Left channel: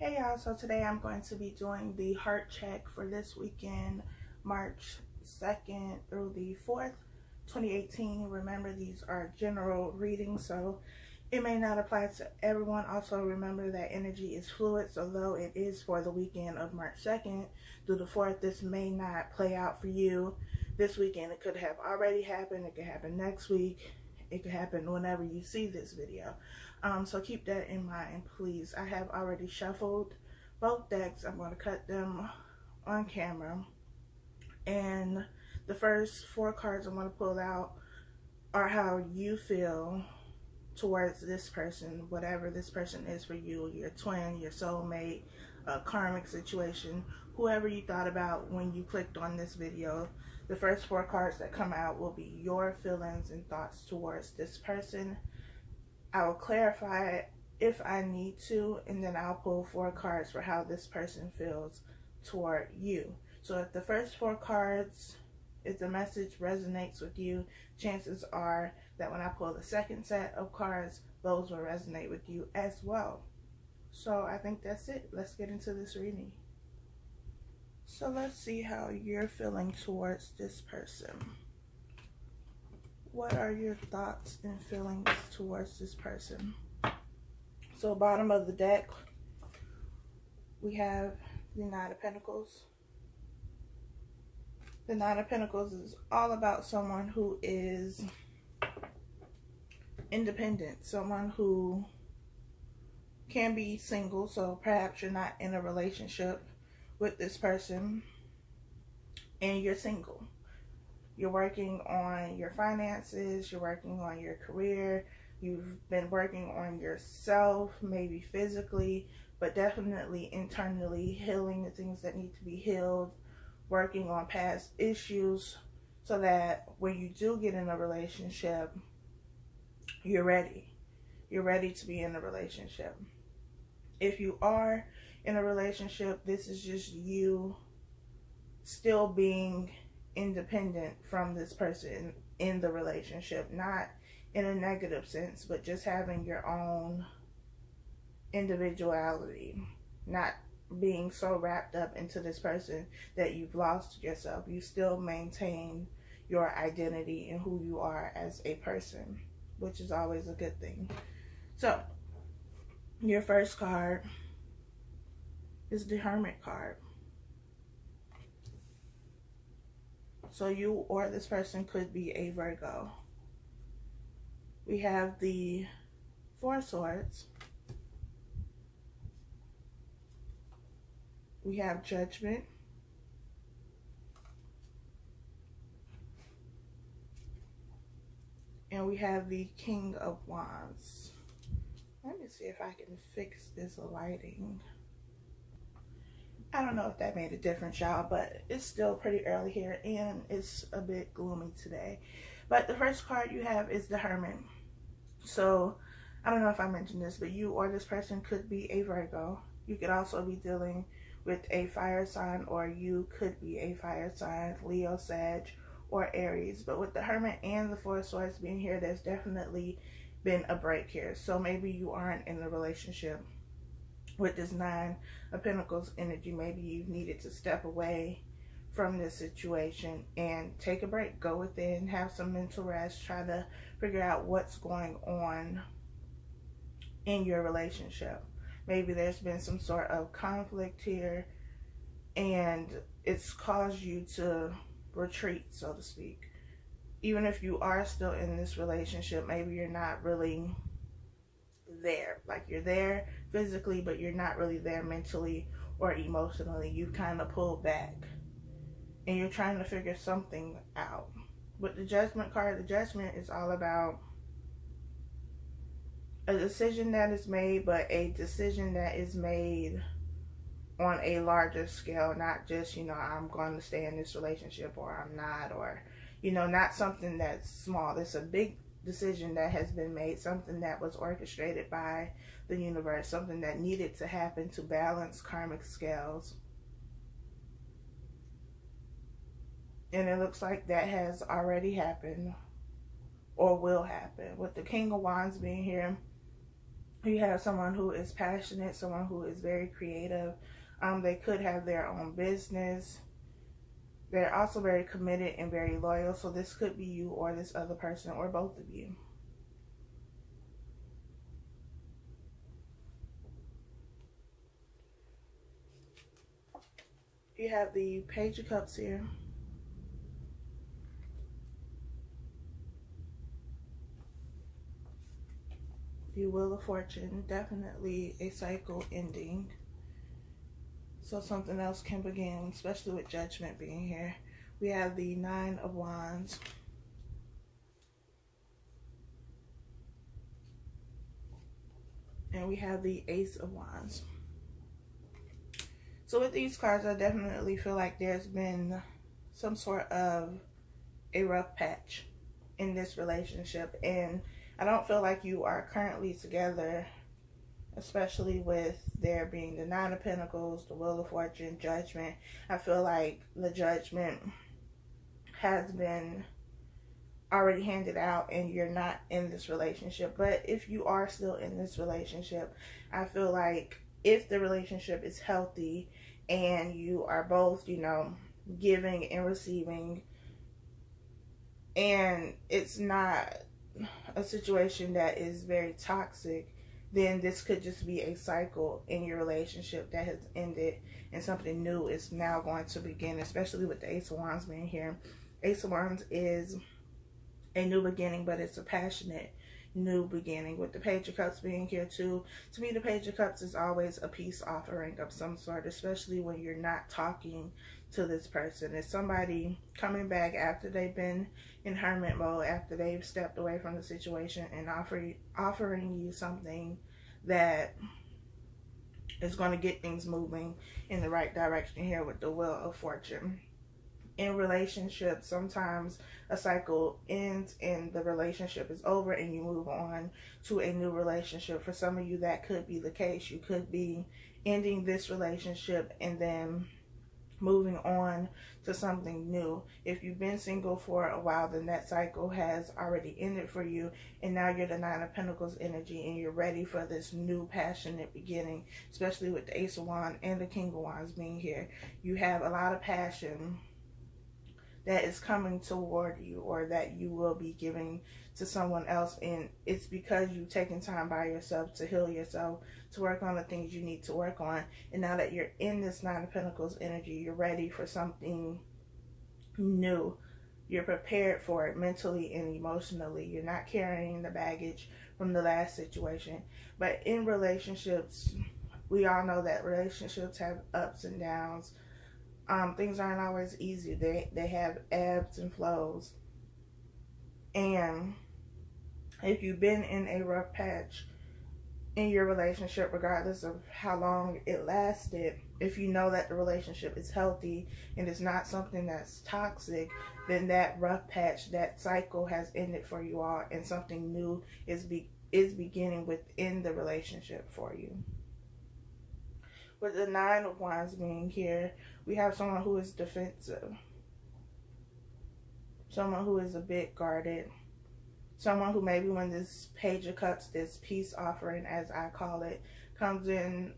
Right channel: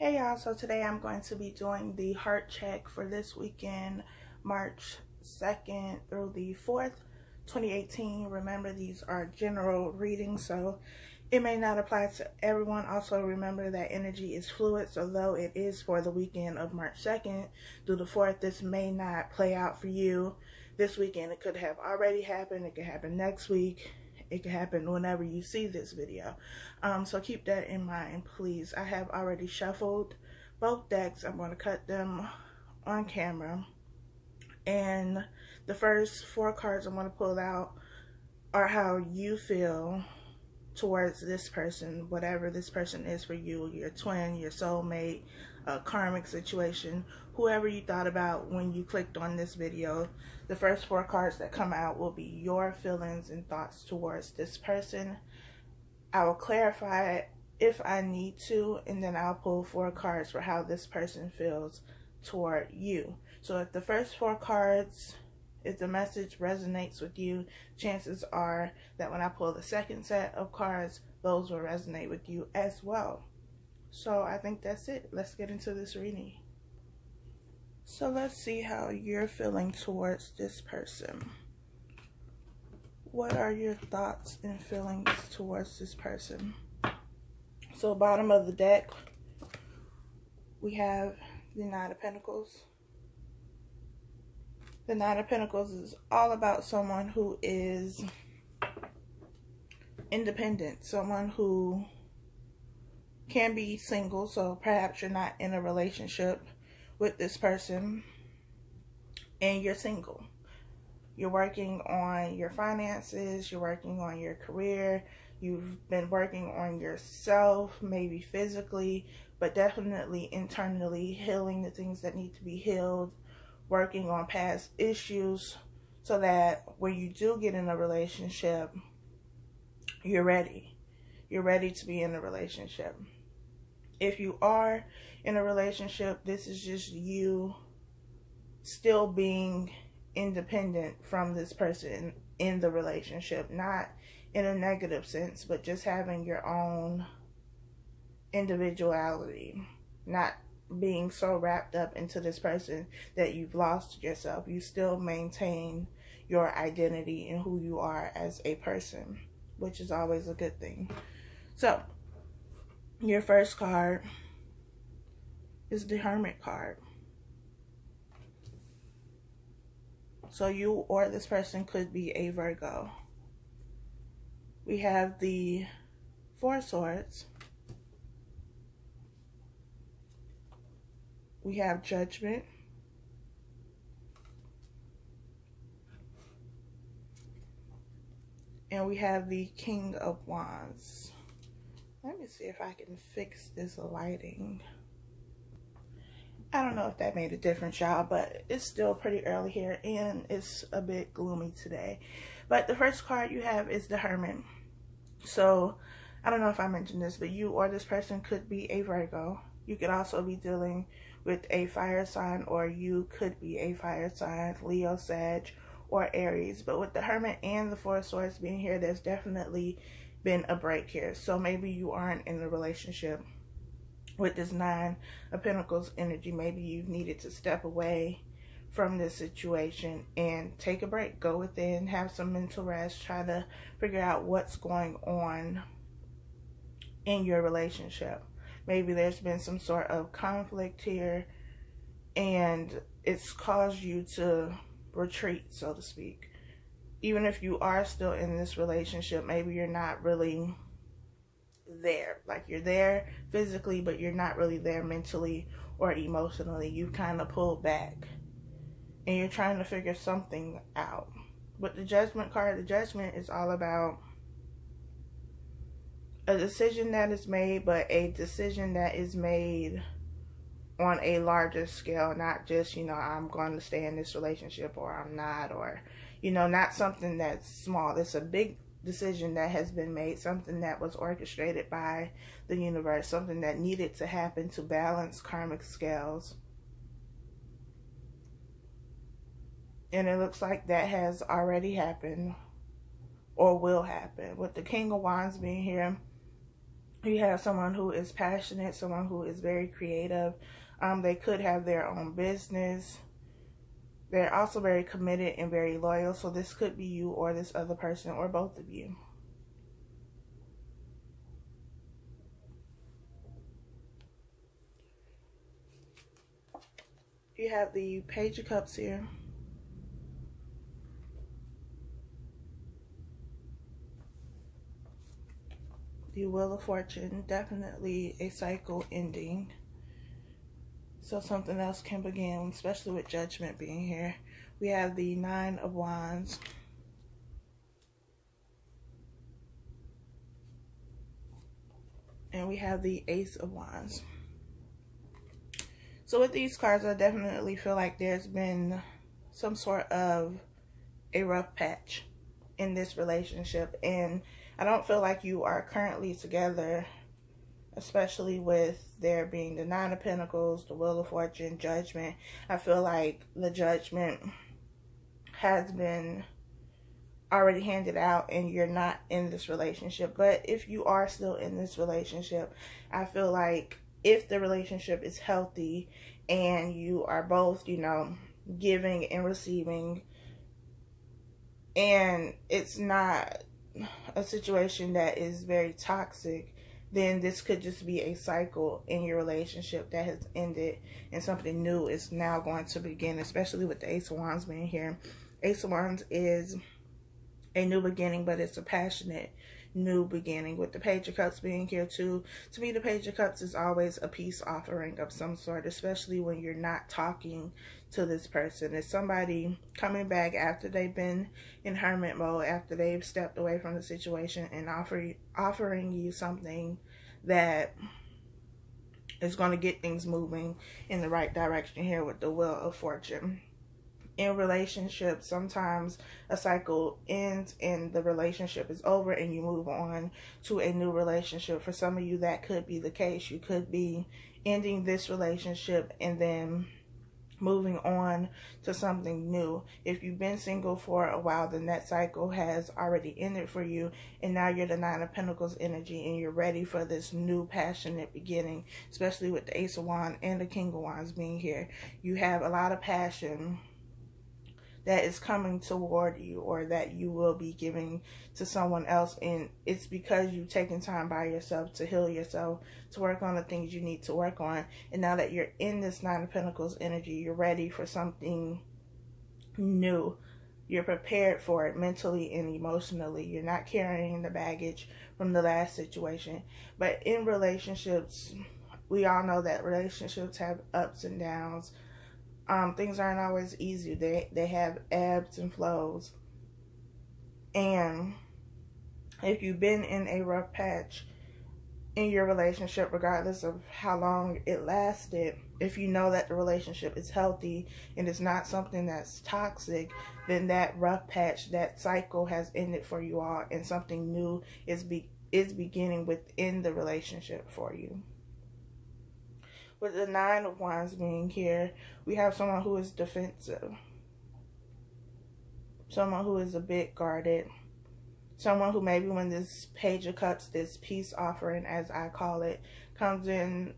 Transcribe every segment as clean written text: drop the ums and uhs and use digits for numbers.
Hey y'all, so today I'm going to be doing the heart check for this weekend, March 2nd through the 4th, 2018. Remember, these are general readings, so it may not apply to everyone. Also, remember that energy is fluid, so though it is for the weekend of March 2nd through the 4th, this may not play out for you this weekend. It could have already happened, it could happen next week, it could happen whenever you see this video. So keep that in mind, please. I have already shuffled both decks. I'm going to cut them on camera. And the first 4 cards I'm going to pull out are how you feel towards this person, whatever this person is for you, your twin, your soulmate, a karmic situation, whoever you thought about when you clicked on this video. The first 4 cards that come out will be your feelings and thoughts towards this person. I will clarify it if I need to, and then I'll pull 4 cards for how this person feels toward you. So if the first 4 cards, if the message resonates with you, chances are that when I pull the second set of cards, those will resonate with you as well. So I think that's it. Let's get into this reading. So let's see how you're feeling towards this person. What are your thoughts and feelings towards this person? So bottom of the deck, we have the Nine of Pentacles. The Nine of Pentacles is all about someone who is independent, someone who can be single, so perhaps you're not in a relationship with this person and you're single. You're working on your finances, you're working on your career, you've been working on yourself, maybe physically, but definitely internally, healing the things that need to be healed, working on past issues so that when you do get in a relationship, you're ready. You're ready to be in a relationship. If you are in a relationship, this is just you still being independent from this person in the relationship, not in a negative sense, but just having your own individuality, not being so wrapped up into this person that you've lost yourself. You still maintain your identity and who you are as a person, which is always a good thing. So your first card is the Hermit card. So you or this person could be a Virgo. We have the Four Swords. We have Judgment. And we have the King of Wands. Let me see if I can fix this lighting. I don't know if that made a difference, y'all, but it's still pretty early here and it's a bit gloomy today. But the first card you have is the Hermit. So I don't know if I mentioned this, but you or this person could be a Virgo. You could also be dealing with a fire sign, or you could be a fire sign, Leo, Sag, or Aries. But with the Hermit and the Four Swords being here, there's definitely been a break here. So maybe you aren't in a relationship with this Nine of Pentacles energy. Maybe you've needed to step away from this situation and take a break. Go within, have some mental rest, try to figure out what's going on in your relationship. Maybe there's been some sort of conflict here and it's caused you to retreat, so to speak. Even if you are still in this relationship, maybe you're not really there. Like, you're there physically, but you're not really there mentally or emotionally. You kind of pulled back and you're trying to figure something out. With the Judgment card, the Judgment is all about a decision that is made, but a decision that is made on a larger scale, not just, you know, I'm going to stay in this relationship or I'm not, or, you know, not something that's small. It's a big decision that has been made, something that was orchestrated by the universe, something that needed to happen to balance karmic scales. And it looks like that has already happened or will happen. With the King of Wands being here, You have someone who is passionate, someone who is very creative. They could have their own business. They're also very committed and very loyal. So this could be you or this other person or both of you. You have the Page of Cups here. The Wheel of Fortune, definitely a cycle ending. So something else can begin, especially with Judgment being here. We have the Nine of Wands. And we have the Ace of Wands. So with these cards, I definitely feel like there's been some sort of a rough patch in this relationship. And I don't feel like you are currently together, especially with there being the Nine of Pentacles, the Wheel of Fortune, Judgment. I feel like the Judgment has been already handed out and you're not in this relationship. But if you are still in this relationship, I feel like if the relationship is healthy and you are both, you know, giving and receiving, and it's not a situation that is very toxic, then this could just be a cycle in your relationship that has ended and something new is now going to begin, especially with the Ace of Wands being here. Ace of Wands is a new beginning, but it's a passionate new beginning. With the Page of Cups being here too, to me the Page of Cups is always a peace offering of some sort, especially when you're not talking to this person. It's somebody coming back after they've been in hermit mode, after they've stepped away from the situation, and offering you something that is going to get things moving in the right direction here with the Wheel of Fortune. In relationships, sometimes a cycle ends and the relationship is over and you move on to a new relationship. For some of you, that could be the case. You could be ending this relationship and then moving on to something new. If you've been single for a while, then that cycle has already ended for you, and now you're the Nine of Pentacles energy and you're ready for this new passionate beginning, especially with the Ace of Wands and the King of Wands being here. You have a lot of passion that is coming toward you, or that you will be giving to someone else, and it's because you've taken time by yourself to heal yourself, to work on the things you need to work on. And now that you're in this Nine of Pentacles energy, you're ready for something new. You're prepared for it mentally and emotionally. You're not carrying the baggage from the last situation. But in relationships, we all know that relationships have ups and downs. Things aren't always easy. They have ebbs and flows. And if you've been in a rough patch in your relationship, regardless of how long it lasted, if you know that the relationship is healthy and it's not something that's toxic, then that rough patch, that cycle has ended for you all, and something new is beginning within the relationship for you. With the Nine of Wands being here, we have someone who is defensive. Someone who is a bit guarded. Someone who maybe when this Page of Cups, this peace offering as I call it, comes in,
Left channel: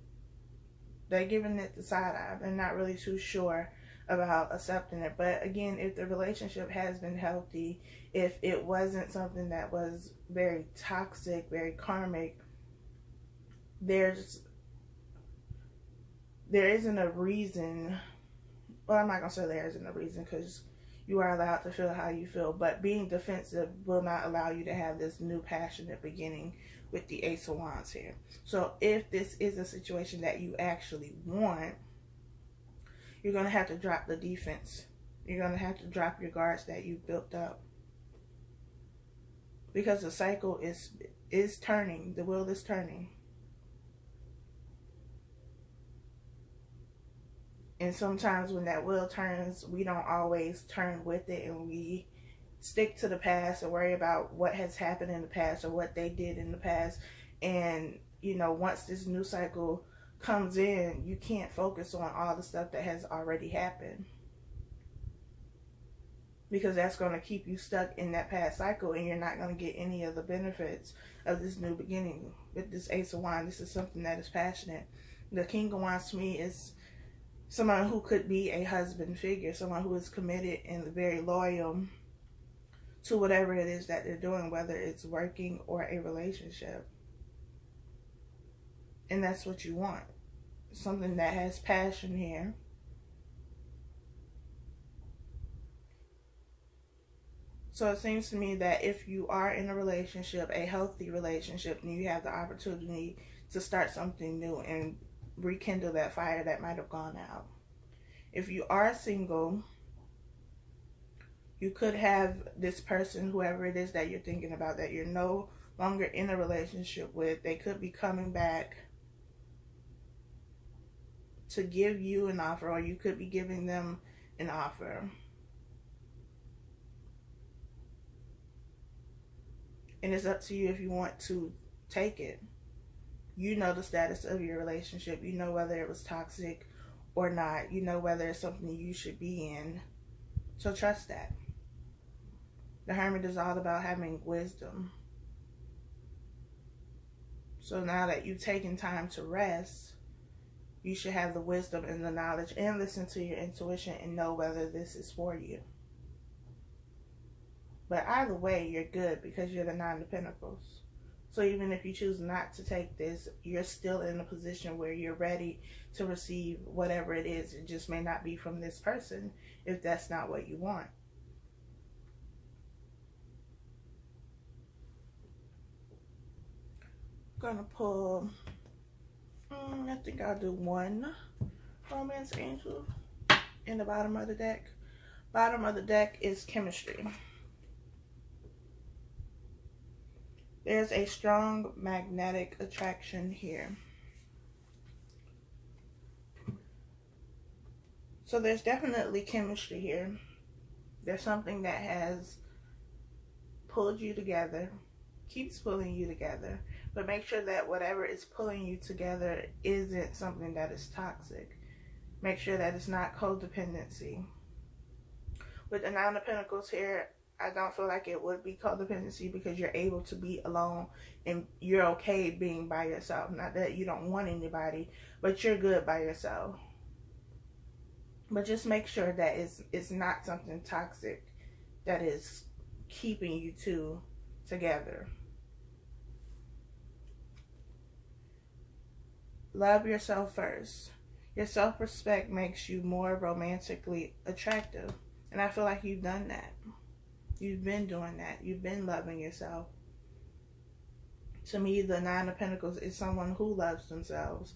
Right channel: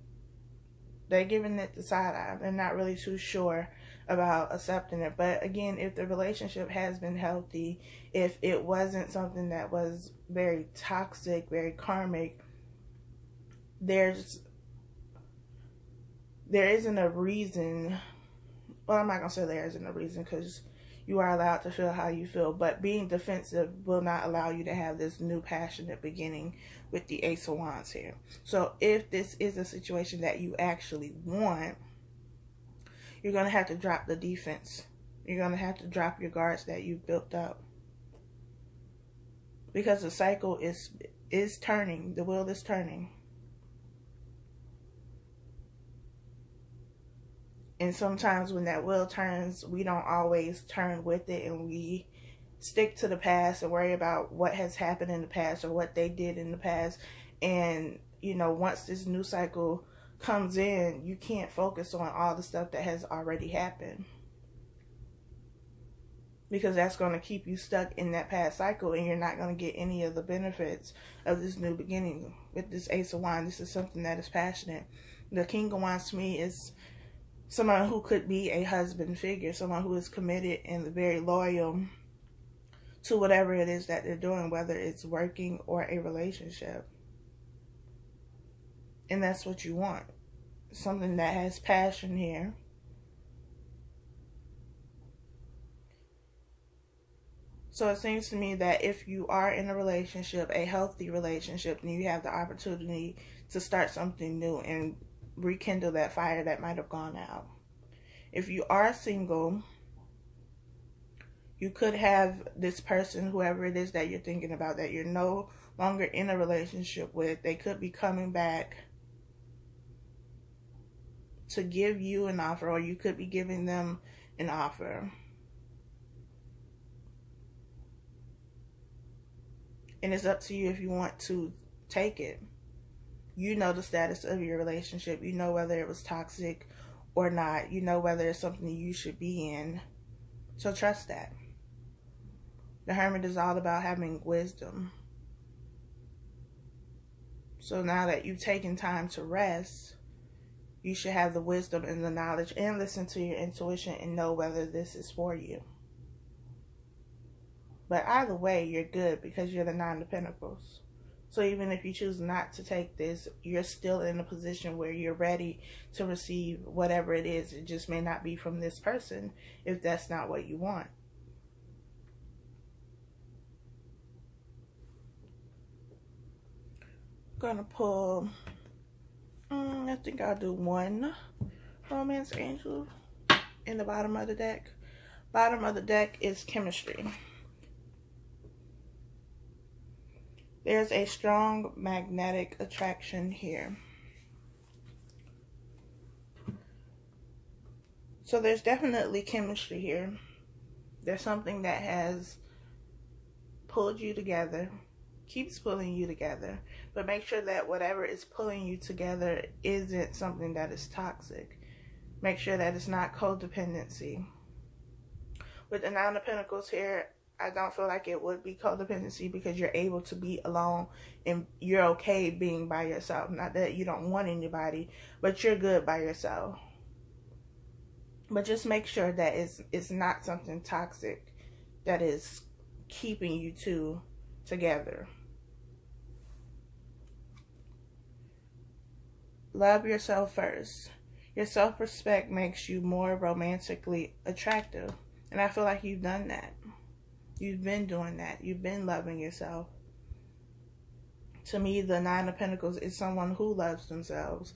they're giving it the side eye. They're not really too sure about accepting it. But again, if the relationship has been healthy, if it wasn't something that was very toxic, very karmic, there isn't a reason. Well, I'm not going to say there isn't a reason, because you are allowed to feel how you feel. But being defensive will not allow you to have this new passionate beginning with the Ace of Wands here. So if this is a situation that you actually want, you're going to have to drop the defense. You're going to have to drop your guards that you've built up. Because the cycle is turning. The wheel is turning. And sometimes when that wheel turns, we don't always turn with it, and we stick to the past and worry about what has happened in the past or what they did in the past. And, you know, once this new cycle comes in, you can't focus on all the stuff that has already happened. because that's going to keep you stuck in that past cycle, and you're not going to get any of the benefits of this new beginning. With this Ace of Wands, this is something that is passionate. The King of Wands to me is someone who could be a husband figure, someone who is committed and very loyal to whatever it is that they're doing, whether it's working or a relationship. And that's what you want. Something that has passion here. So it seems to me that if you are in a relationship, a healthy relationship, then you have the opportunity to start something new and rekindle that fire that might have gone out. If you are single, you could have this person, whoever it is that you're thinking about, that you're no longer in a relationship with. They could be coming back to give you an offer, or you could be giving them an offer. And it's up to you if you want to take it. You know the status of your relationship. You know whether it was toxic or not. You know whether it's something you should be in. So trust that. The Hermit is all about having wisdom. So now that you've taken time to rest, you should have the wisdom and the knowledge and listen to your intuition and know whether this is for you. But either way, you're good because you're the Nine of Pentacles. So even if you choose not to take this, you're still in a position where you're ready to receive whatever it is. It just may not be from this person if that's not what you want. I'm gonna pull, I think I'll do one Romance Angel in the bottom of the deck. Bottom of the deck is chemistry. There's a strong magnetic attraction here. So there's definitely chemistry here. There's something that has pulled you together, keeps pulling you together, but make sure that whatever is pulling you together isn't something that is toxic. Make sure that it's not codependency. With the Nine of Pentacles here, I don't feel like it would be codependency because you're able to be alone and you're okay being by yourself. Not that you don't want anybody, but you're good by yourself. But just make sure that it's not something toxic that is keeping you two together. Love yourself first. Your self-respect makes you more romantically attractive. And I feel like you've done that. You've been doing that. You've been loving yourself. To me, the Nine of Pentacles is someone who loves themselves,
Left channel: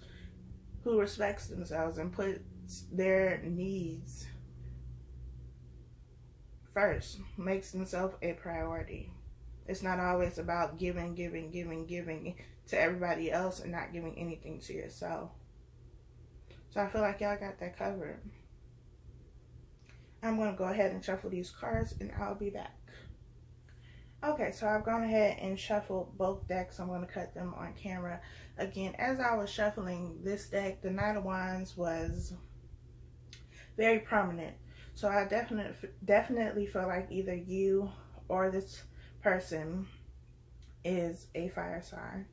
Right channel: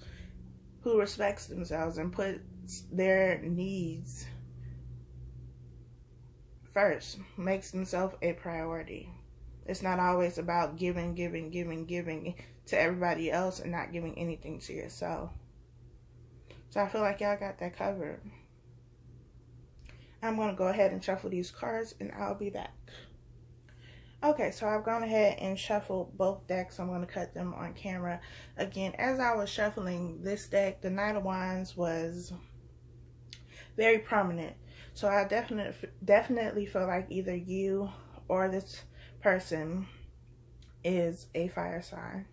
who respects themselves and puts their needs first, makes themselves a priority. It's not always about giving to everybody else and not giving anything to yourself. So I feel like y'all got that covered. I'm going to go ahead and shuffle these cards and I'll be back. Okay, so I've gone ahead and shuffled both decks. I'm going to cut them on camera. Again, as I was shuffling this deck, the Knight of Wands was very prominent. So I definitely feel like either you or this person is a fire sign.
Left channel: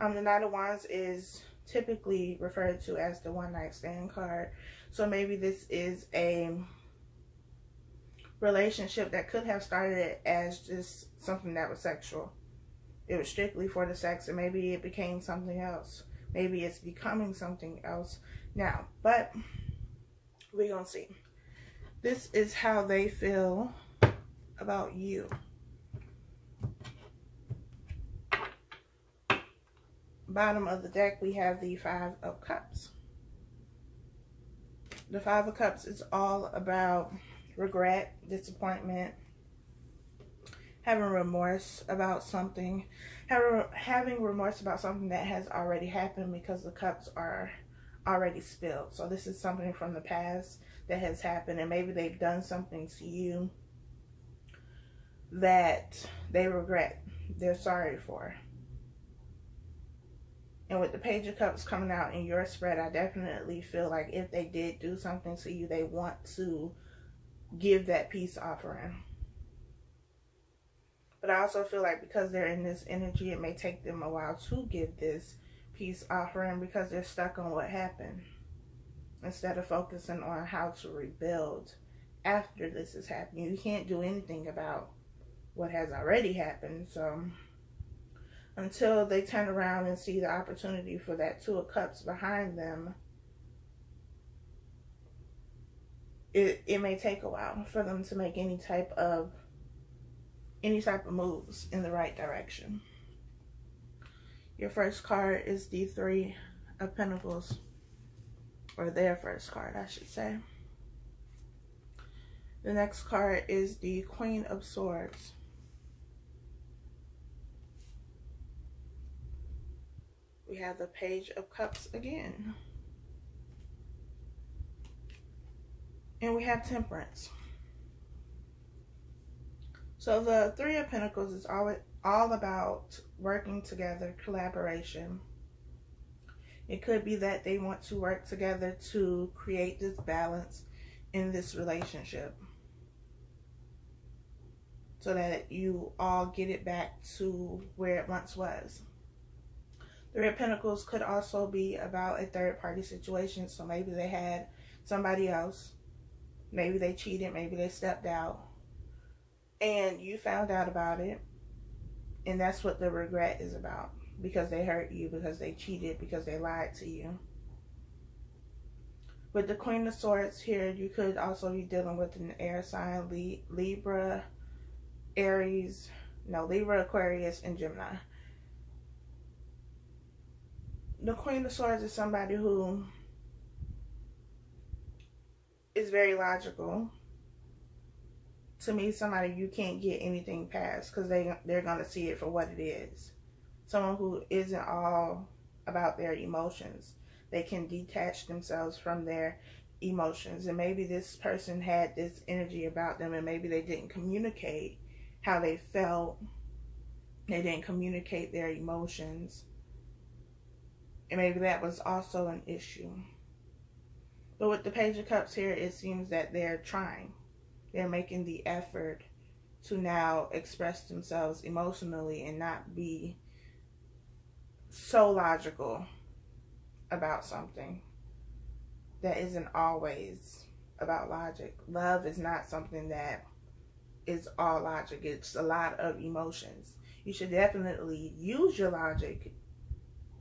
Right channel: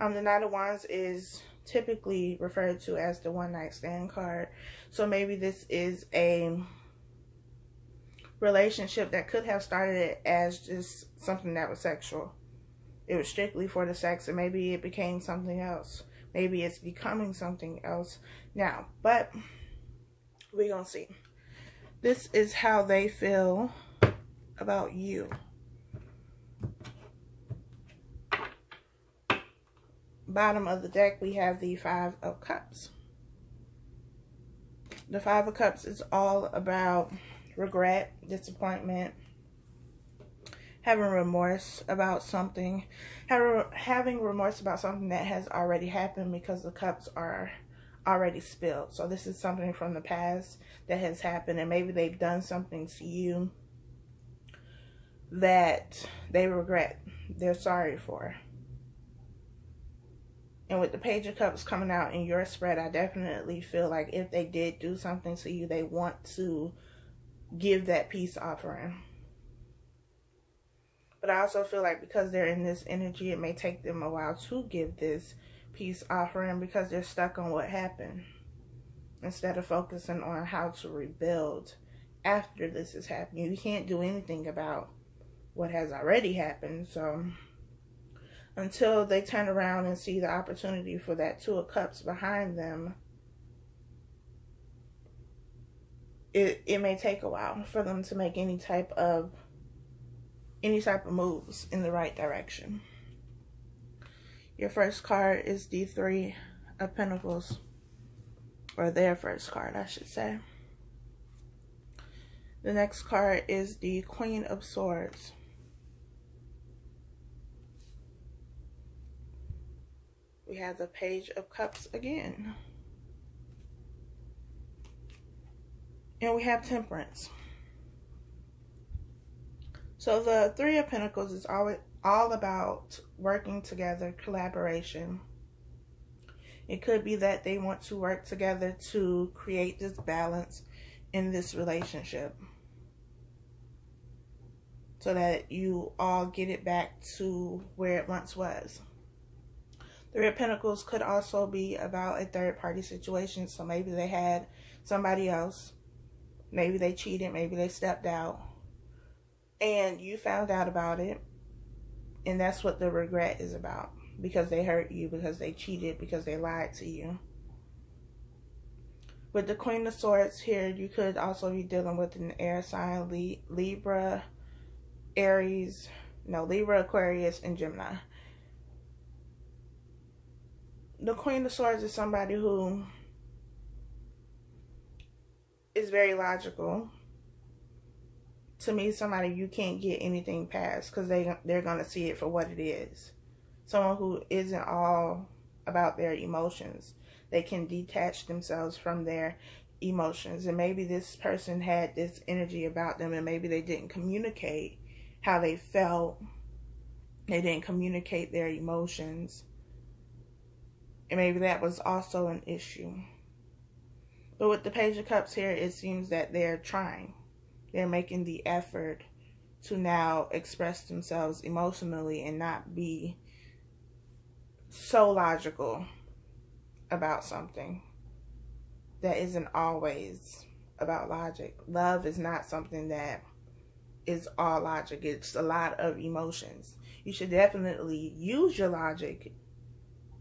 The Knight of Wands is typically referred to as the one night stand card. So maybe this is a relationship that could have started as just something that was sexual. It was strictly for the sex, and maybe it became something else. Maybe it's becoming something else now, but we're gonna see. This is how they feel about you. Bottom of the deck, we have the Five of Cups. The Five of Cups is all about regret, disappointment, having remorse about something, having remorse about something that has already happened because the cups are already spilled. So this is something from the past that has happened, and maybe they've done something to you that they regret, they're sorry for. And with the Page of Cups coming out in your spread, I definitely feel like if they did do something to you, they want to give that peace offering. But I also feel like because they're in this energy, it may take them a while to give this peace offering because they're stuck on what happened, instead of focusing on how to rebuild after this has happened. You can't do anything about what has already happened. So until they turn around and see the opportunity for that Two of Cups behind them, it may take a while for them to make any type of moves in the right direction. Your first card is the Three of Pentacles, or their first card, I should say. The next card is the Queen of Swords. We have the Page of Cups again. And we have Temperance. So the Three of Pentacles is all about working together, collaboration. It could be that they want to work together to create this balance in this relationship, so that you all get it back to where it once was. Three of Pentacles could also be about a third-party situation. So maybe they had somebody else. Maybe they cheated. Maybe they stepped out. And you found out about it. And that's what the regret is about. Because they hurt you. Because they cheated. Because they lied to you. With the Queen of Swords here, you could also be dealing with an air sign. Libra, Aries. No, Libra, Aquarius, and Gemini. The Queen of Swords is somebody who is very logical. To me, somebody you can't get anything past, because they're going to see it for what it is. Someone who isn't all about their emotions. They can detach themselves from their emotions. And maybe this person had this energy about them, and maybe they didn't communicate how they felt. They didn't communicate their emotions. And maybe that was also an issue. But with the Page of Cups here, it seems that they're trying. They're making the effort to now express themselves emotionally and not be so logical about something that isn't always about logic. Love is not something that is all logic. It's a lot of emotions. You should definitely use your logic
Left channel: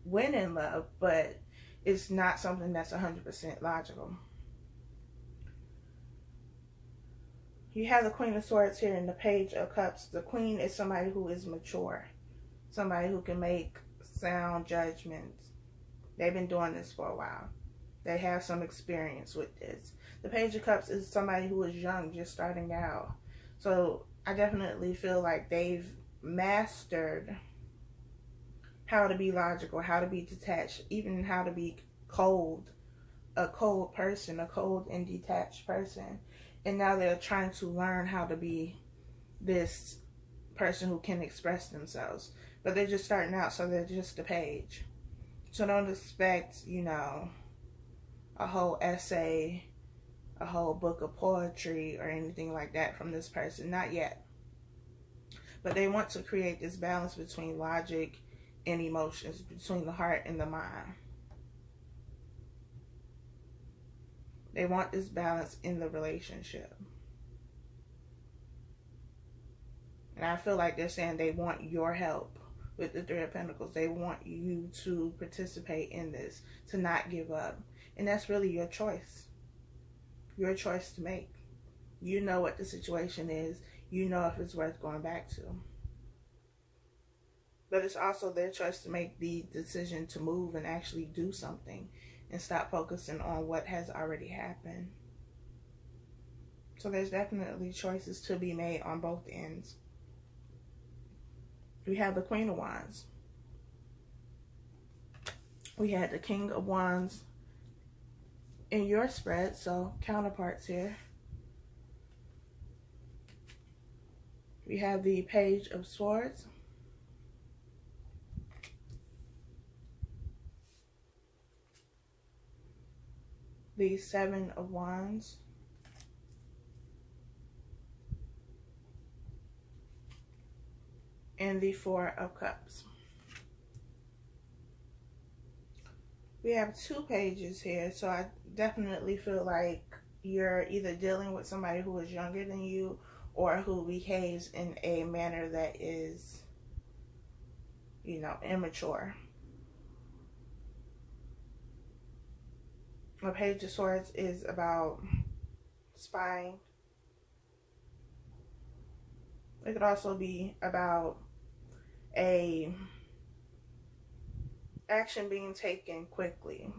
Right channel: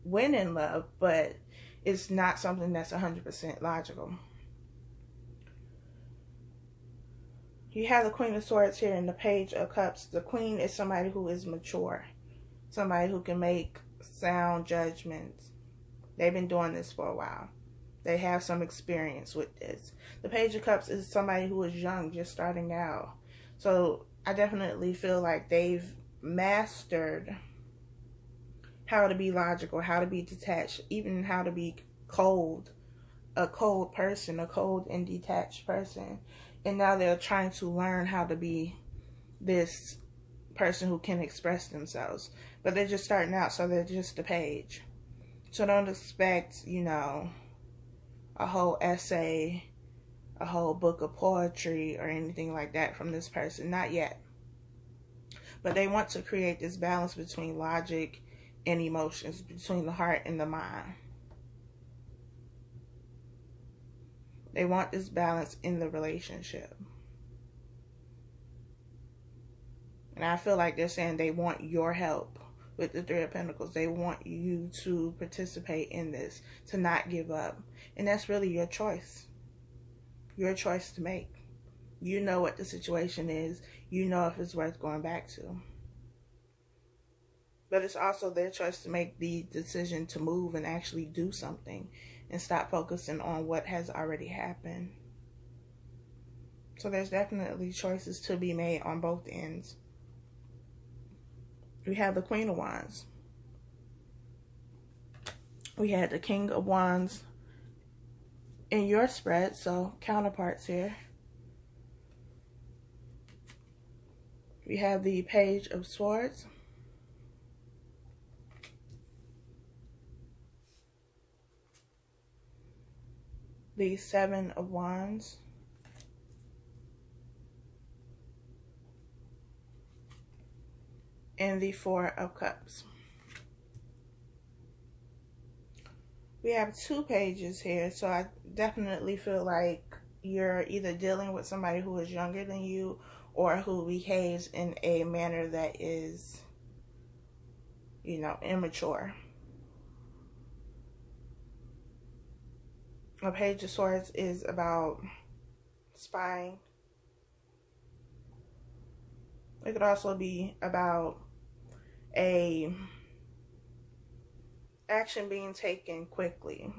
when in love, but it's not something that's 100% logical. You have the Queen of Swords here and the Page of Cups. The Queen is somebody who is mature. Somebody who can make sound judgments. They've been doing this for a while. They have some experience with this. The Page of Cups is somebody who is young, just starting out. So I definitely feel like they've mastered how to be logical, how to be detached, even how to be cold, a cold person, a cold and detached person. And now they're trying to learn how to be this person who can express themselves. But they're just starting out, so they're just a page. So don't expect, you know, a whole essay, a whole book of poetry or anything like that from this person. Not yet. But they want to create this balance between logic and emotions, between the heart and the mind. They want this balance in the relationship. And I feel like they're saying they want your help with the Three of Pentacles. They want you to participate in this, to not give up. And that's really your choice. Your choice to make. You know what the situation is. You know if it's worth going back to. But it's also their choice to make the decision to move and actually do something and stop focusing on what has already happened. So there's definitely choices to be made on both ends. We have the Queen of Wands. We had the King of Wands in your spread, so counterparts here. We have the Page of Swords. The Seven of Wands. and the Four of Cups. We have 2 pages here, so I definitely feel like you're either dealing with somebody who is younger than you or who behaves in a manner that is, you know, immature. A Page of Swords is about spying. It could also be about a action being taken quickly.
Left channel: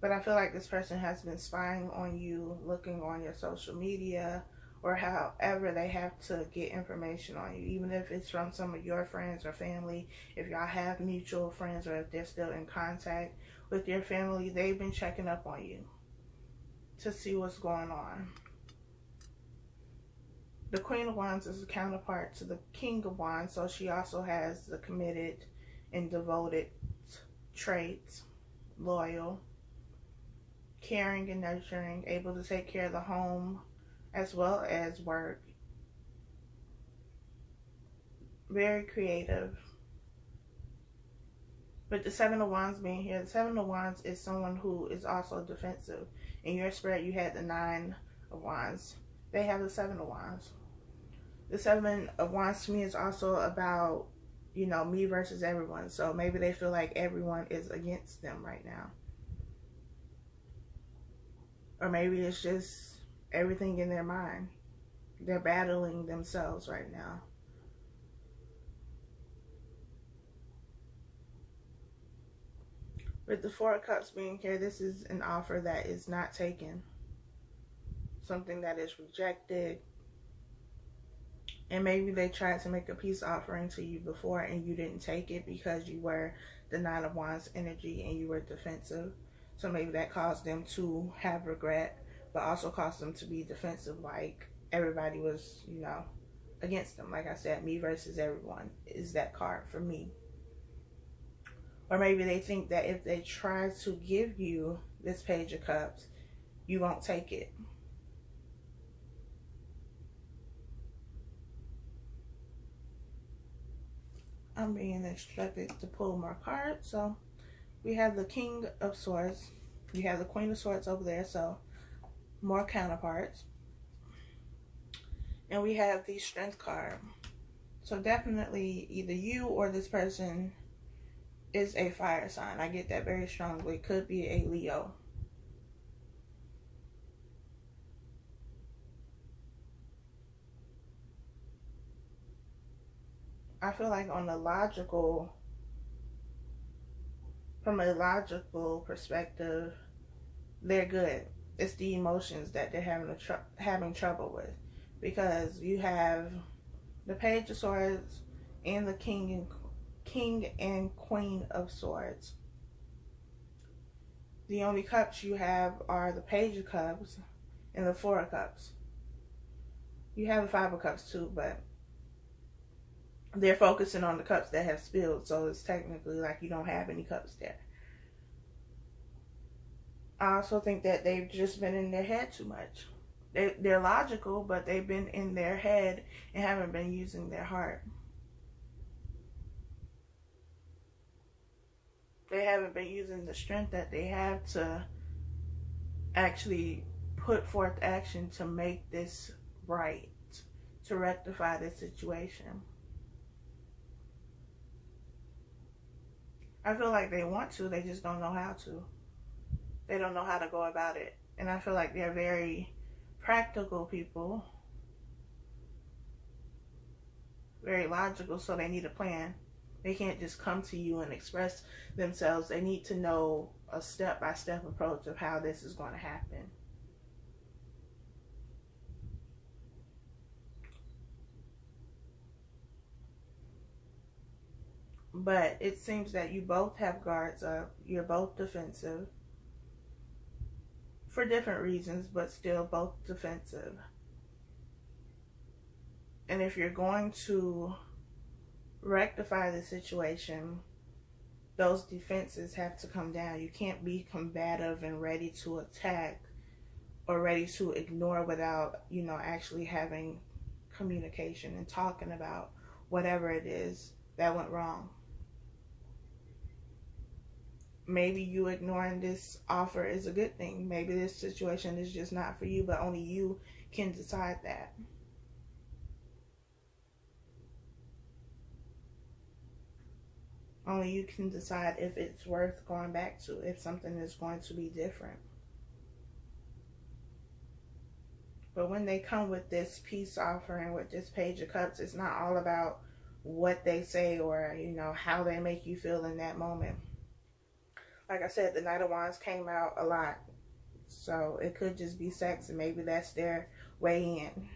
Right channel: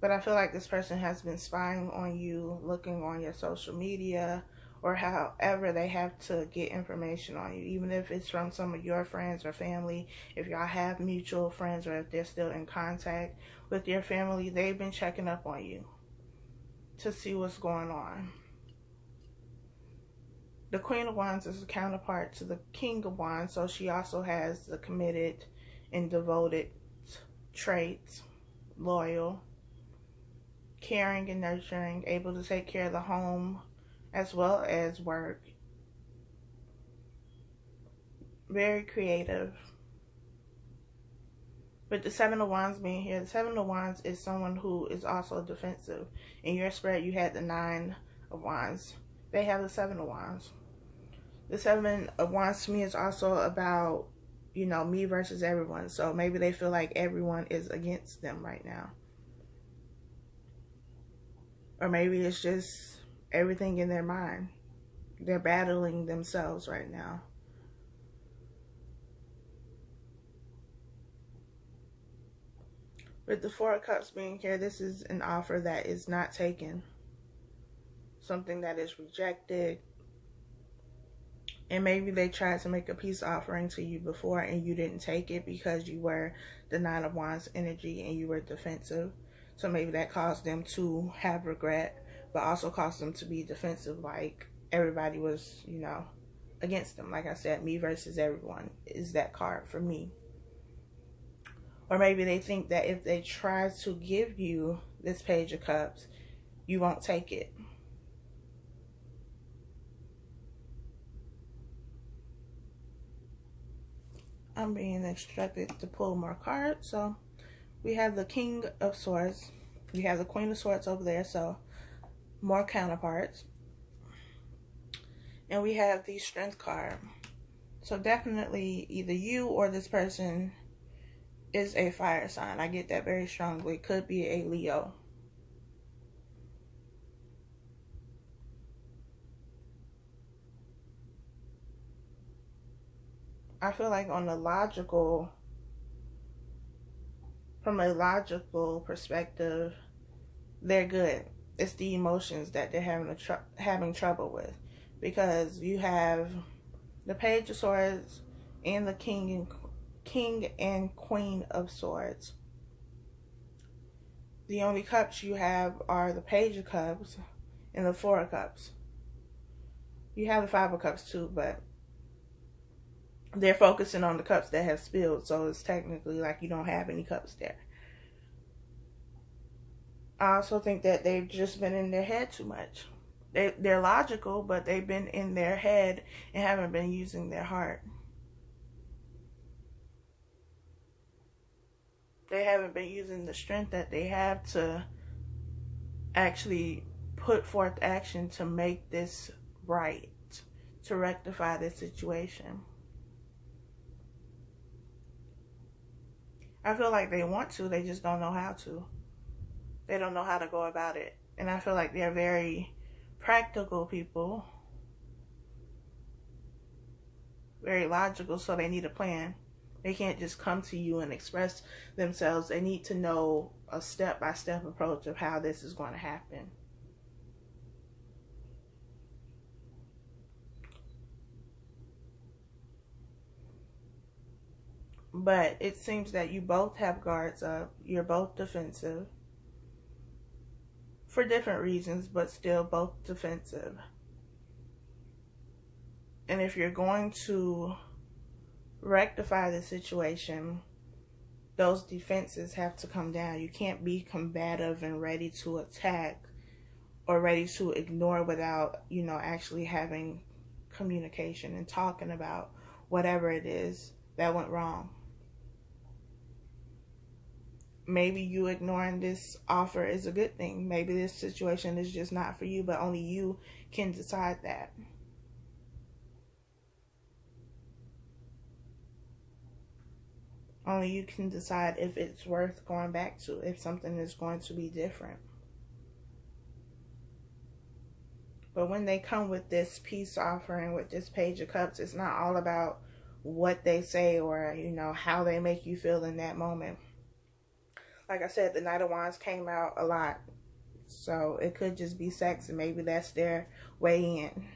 But I feel like this person has been spying on you, looking on your social media, or however they have to get information on you, even if it's from some of your friends or family. If y'all have mutual friends, or if they're still in contact with your family, they've been checking up on you to see what's going on. The Queen of Wands is a counterpart to the King of Wands, so she also has the committed and devoted traits, loyal, caring and nurturing, able to take care of the home as well as work. Very creative. With the Seven of Wands being here, the Seven of Wands is someone who is also defensive. In your spread, you had the Nine of Wands. They have the Seven of Wands. The Seven of Wands to me is also about, you know, me versus everyone. So maybe they feel like everyone is against them right now. Or maybe it's just everything in their mind. They're battling themselves right now. With the Four of Cups being here, this is an offer that is not taken. Something that is rejected. And maybe they tried to make a peace offering to you before and you didn't take it because you were the Nine of Wands energy and you were defensive. So maybe that caused them to have regret, but also caused them to be defensive, like everybody was, you know, against them. Like I said, me versus everyone is that card for me. Or maybe they think that if they try to give you this Page of Cups, you won't take it. I'm being instructed to pull more cards. So we have the King of Swords. We have the Queen of Swords over there, so more counterparts. And we have the Strength card. So definitely either you or this person is a fire sign. I get that very strongly. It could be a Leo. I feel like from a logical perspective, they're good. It's the emotions that they're having trouble with, because you have the Page of Swords and the King and Queen of Swords. The only cups you have are the Page of Cups and the Four of Cups. You have the Five of Cups too, but they're focusing on the cups that have spilled, so it's technically like you don't have any cups there. I also think that they've just been in their head too much. They're logical, but they've been in their head and haven't been using their heart. They haven't been using the strength that they have to actually put forth action to make this right, to rectify this situation. I feel like they want to, they just don't know how to. They don't know how to go about it. And I feel like they're very practical people. Very logical, so they need a plan. They can't just come to you and express themselves. They need to know a step-by-step approach of how this is going to happen. But it seems that you both have guards up. You're both defensive. For different reasons, but still both defensive. And if you're going to rectify the situation, those defenses have to come down. You can't be combative and ready to attack or ready to ignore without, you know, actually having communication and talking about whatever it is that went wrong. Maybe you ignoring this offer is a good thing. Maybe this situation is just not for you, but only you can decide that. Only you can decide if it's worth going back to, if something is going to be different. But when they come with this peace offering, with this Page of Cups, it's not all about what they say or, you know, how they make you feel in that moment. Like I said, the Knight of Wands came out a lot. So it could just be sex, and maybe that's their way in.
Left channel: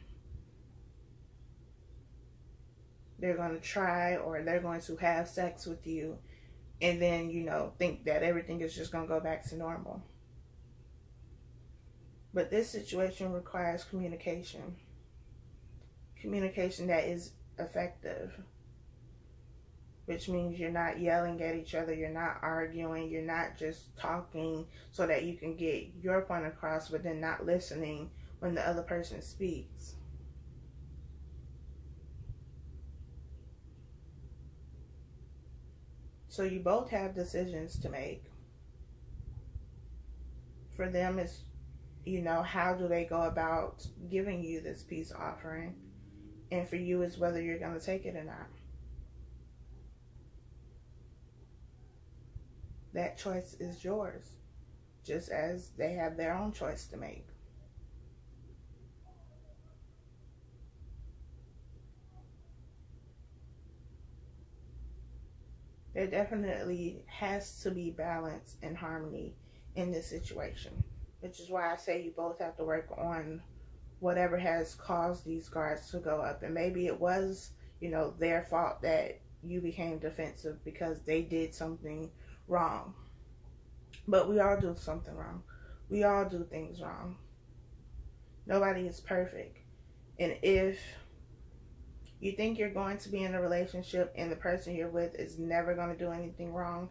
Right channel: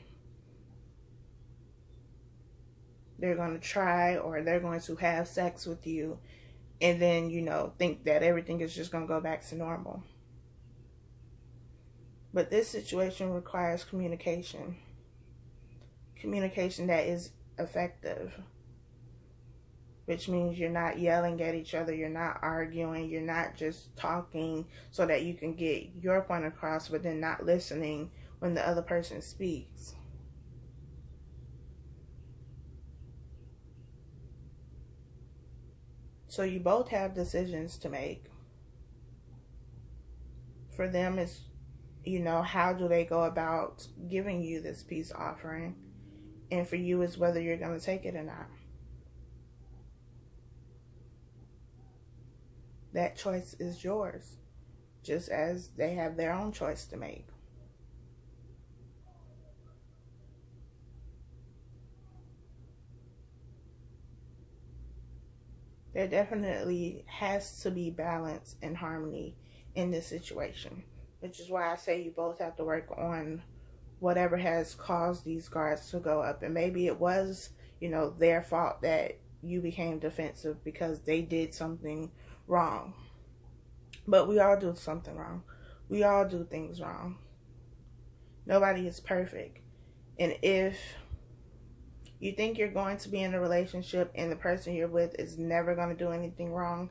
They're going to try, or they're going to have sex with you, and then, you know, think that everything is just going to go back to normal. But this situation requires communication. Communication that is effective. Which means you're not yelling at each other, you're not arguing, you're not just talking so that you can get your point across, but then not listening when the other person speaks. So you both have decisions to make. For them, it's, you know, how do they go about giving you this peace offering? And for you, is whether you're going to take it or not. That choice is yours, just as they have their own choice to make. There definitely has to be balance and harmony in this situation, which is why I say you both have to work on whatever has caused these guards to go up. And maybe it was, you know, their fault that you became defensive because they did something wrong. But we all do something wrong. We all do things wrong. Nobody is perfect. And if you think you're going to be in a relationship and the person you're with is never going to do anything wrong,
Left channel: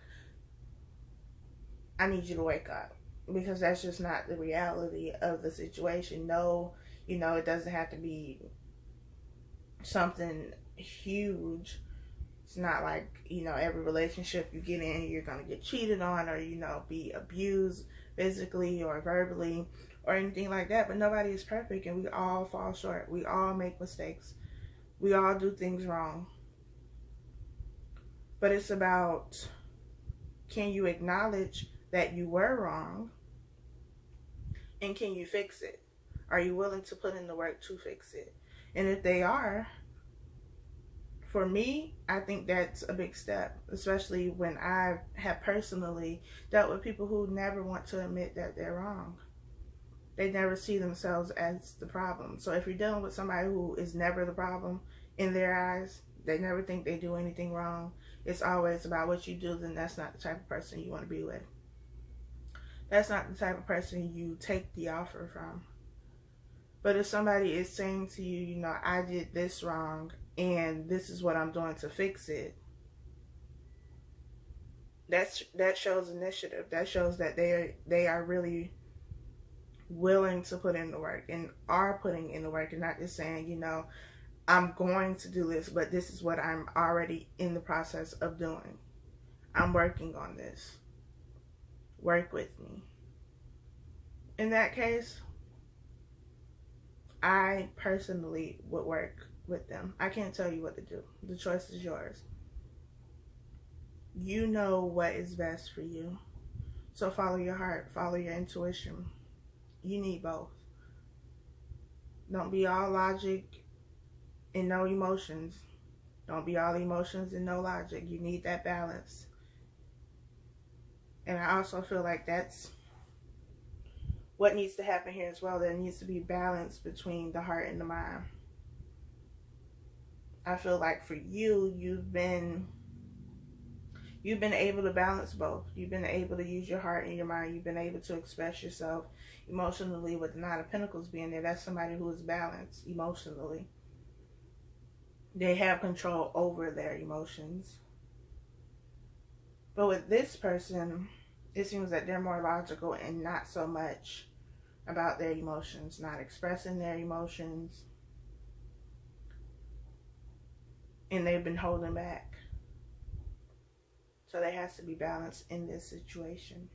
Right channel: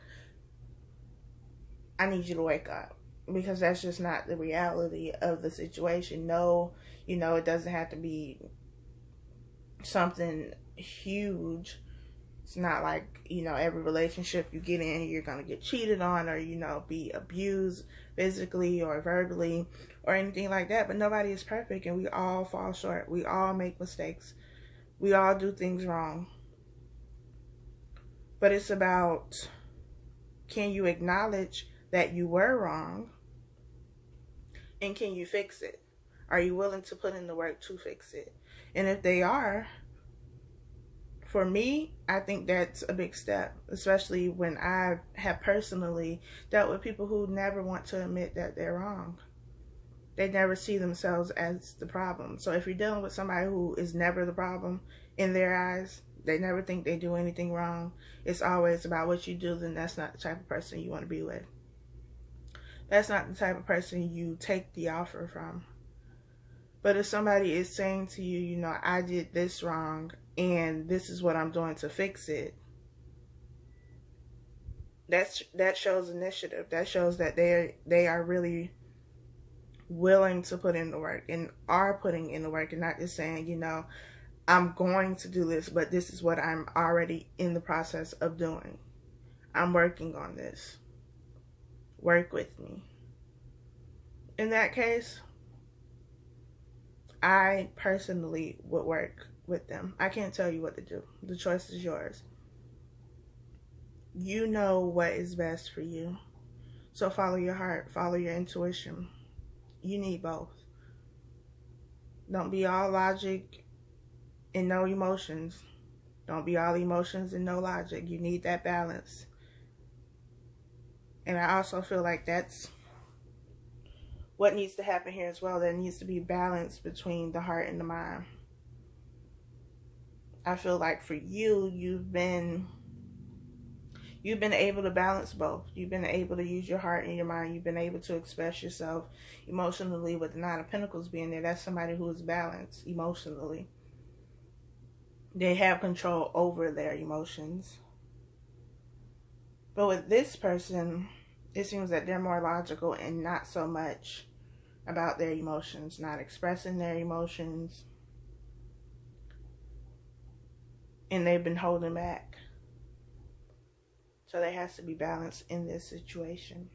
I need you to wake up, because that's just not the reality of the situation. No, you know, it doesn't have to be something huge. It's not like, you know, every relationship you get in, you're going to get cheated on or, you know, be abused physically or verbally or anything like that. But nobody is perfect, and we all fall short. We all make mistakes. We all do things wrong. But it's about, can you acknowledge that you were wrong? And can you fix it? Are you willing to put in the work to fix it? And if they are, for me, I think that's a big step, especially when I have personally dealt with people who never want to admit that they're wrong. They never see themselves as the problem. So if you're dealing with somebody who is never the problem in their eyes, they never think they do anything wrong, it's always about what you do, then that's not the type of person you want to be with. That's not the type of person you take the offer from. But if somebody is saying to you, you know, I did this wrong and this is what I'm doing to fix it, that shows initiative. That shows that they are really willing to put in the work and are putting in the work, and not just saying, you know, I'm going to do this, but this is what I'm already in the process of doing. I'm working on this. Work with me. In that case, I personally would work with them. I can't tell you what to do. The choice is yours. You know what is best for you. So follow your heart. Follow your intuition. You need both. Don't be all logic and no emotions. Don't be all emotions and no logic. You need that balance. And I also feel like that's what needs to happen here as well. There needs to be balance between the heart and the mind. I feel like for you, you've been able to balance both. You've been able to use your heart and your mind. You've been able to express yourself emotionally. With the Nine of Pentacles being there, that's somebody who is balanced emotionally. They have control over their emotions. But with this person, it seems that they're more logical and not so much about their emotions, not expressing their emotions. and they've been holding back. So there has to be balance in this situation.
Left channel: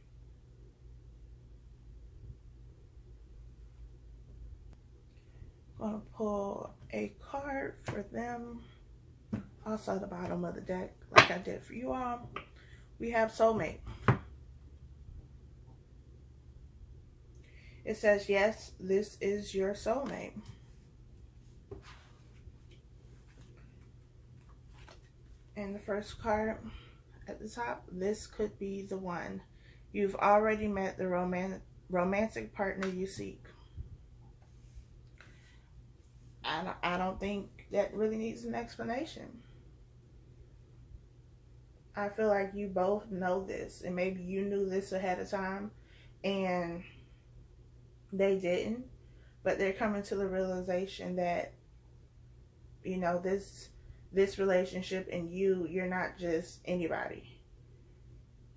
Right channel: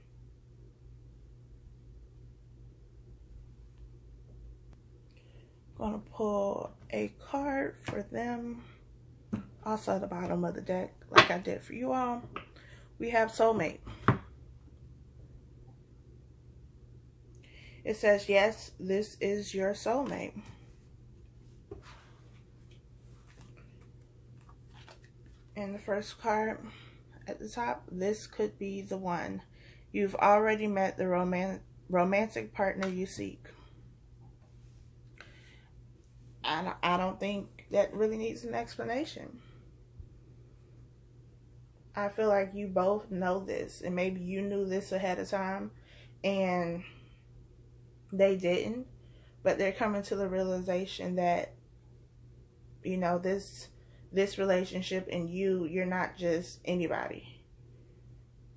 I'm going to pull a card for them. Also at the bottom of the deck, like I did for you all, we have Soulmate. It says, yes, this is your soulmate. And the first card at the top, this could be the one. You've already met the romantic partner you seek. I don't think that really needs an explanation. I feel like you both know this, and maybe you knew this ahead of time and they didn't, but they're coming to the realization that, you know, this relationship and you're not just anybody.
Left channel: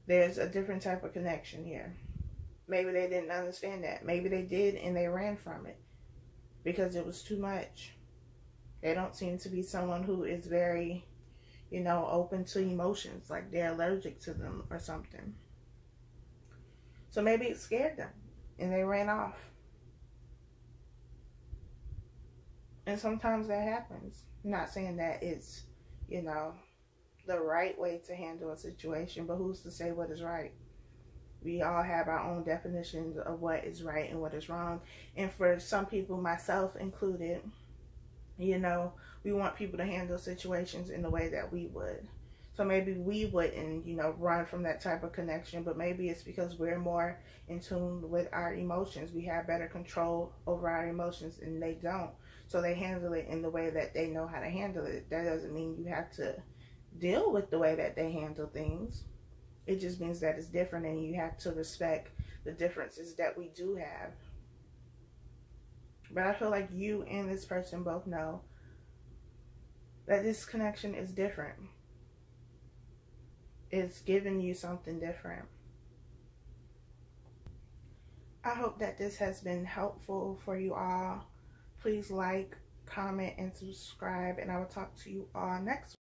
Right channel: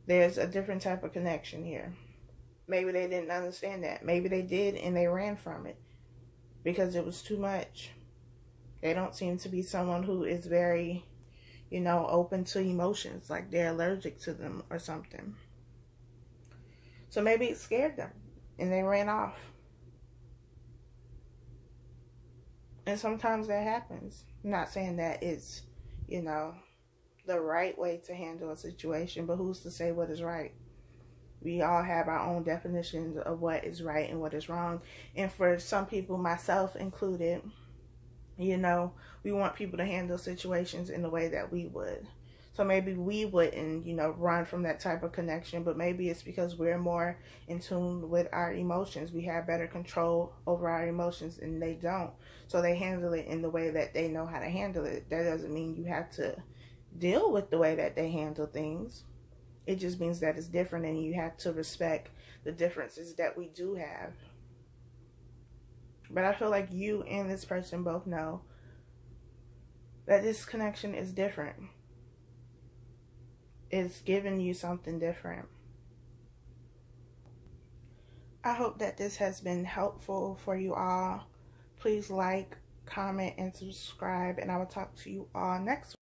There's a different type of connection here. Maybe they didn't understand that. Maybe they did and they ran from it because it was too much. They don't seem to be someone who is very, you know, open to emotions, like they're allergic to them or something. So maybe it scared them and they ran off. And sometimes that happens. I'm not saying that it's, you know, the right way to handle a situation, but who's to say what is right? We all have our own definitions of what is right and what is wrong. And for some people, myself included, you know, we want people to handle situations in the way that we would. So maybe we wouldn't, you know, run from that type of connection, but maybe it's because we're more in tune with our emotions. We have better control over our emotions and they don't. So they handle it in the way that they know how to handle it. That doesn't mean you have to deal with the way that they handle things. It just means that it's different and you have to respect the differences that we do have. But I feel like you and this person both know that this connection is different. It's giving you something different. I hope that this has been helpful for you all. Please like, comment, and subscribe, and I will talk to you all next week.